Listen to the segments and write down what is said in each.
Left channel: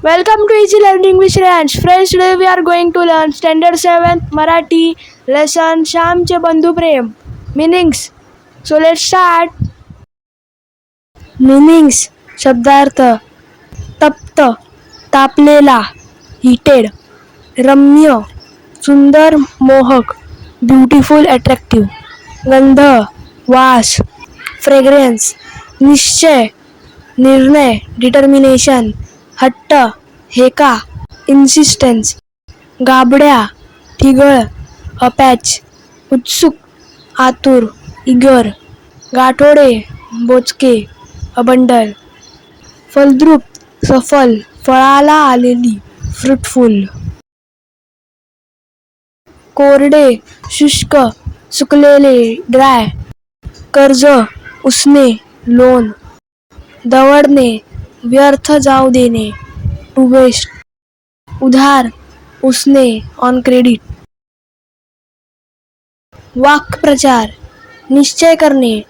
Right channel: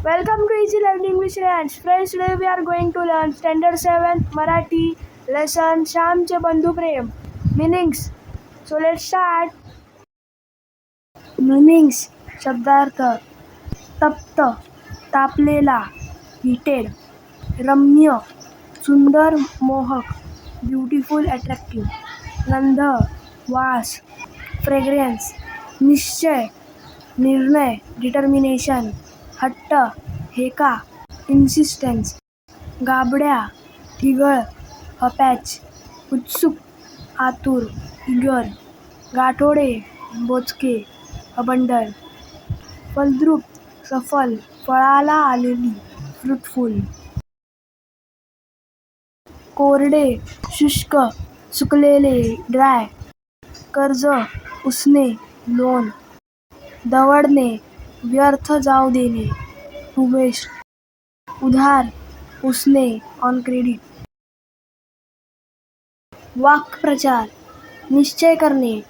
Welcome to Easy Learning with Shreyansh. Friends, today we are going to learn Standard 7th Marathi lesson श्यामचे बंधू प्रेम. Meanings. So let's start. Meanings. शब्दार्थ. तप्त, तापलेला, heated. रम्य, सुंदर, मोहक, beautiful, attractive. गंध, वास, fragrance. निश्चय, निर्णय, determination. हट्ट, हेका, इन्सिस्टन्स. गाबड्या, ठिगळ, अपॅच. उत्सुक, आतुर, इगर. गाठोडे, बोचके, अबंडल. फलद्रूप, सफल, फळाला आलेली, फ्रुटफुल. कोरडे, शुष्क, सुकलेले, ड्राय. कर्ज, उसने, लोन. दवडणे, व्यर्थ जाऊ देणे, टू वेस्ट. उधार, उसने, ऑन क्रेडिट. वाक्प्रचार, निश्चय करणे,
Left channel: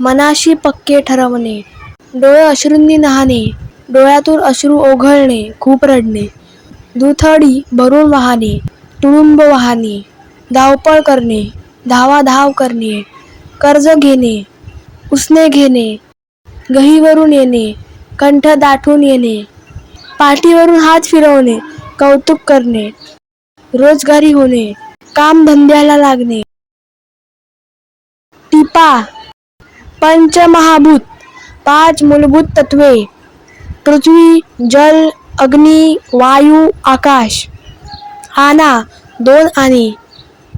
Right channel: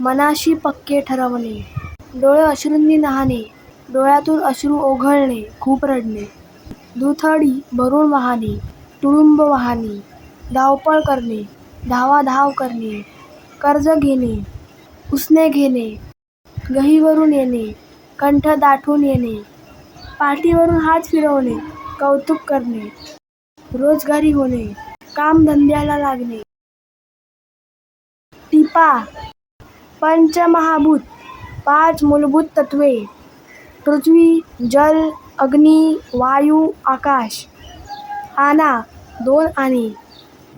मनाशी पक्के ठरवणे. डोळे अश्रूंनी न्हाणे, डोळ्यातून अश्रू ओघळणे, खूप रडणे. दुथडी भरून वाहणे, तुडुंब वाहणे. धावपळ करणे, धावाधाव करणे. कर्ज घेणे, उसने घेणे. गहीवरून येणे, कंठ दाटून येणे. पाठीवरून हात फिरवणे, कौतुक करणे. रोजगारी होणे, काम धंद्याला लागणे. टिपा, पंचमहाभूत, 5 मूलभूत तत्वे. पृथ्वी, जल, अग्नी, वायू, आकाश. आणा, 2 आणे,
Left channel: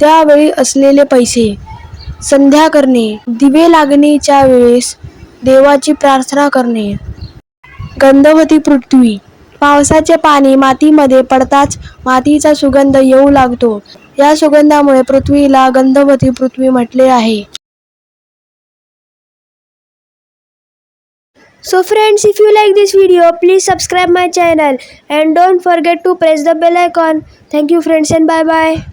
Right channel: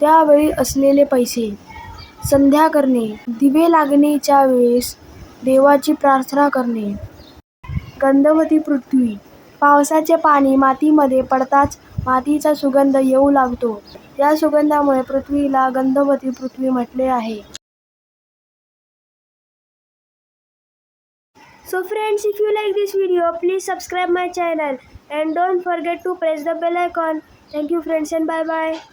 त्यावेळी असलेले पैसे. संध्या करणे, दिवे लागणीच्या वेळेस देवाची प्रार्थना करणे. गंधवती पृथ्वी, पावसाचे पाणी मातीमध्ये पडताच मातीचा सुगंध येऊ लागतो. या सुगंधामुळे पृथ्वीला गंधवती पृथ्वी म्हटले आहे. So friends, if you like this video, please subscribe my channel and don't forget to press the bell icon. Thank you friends and bye bye.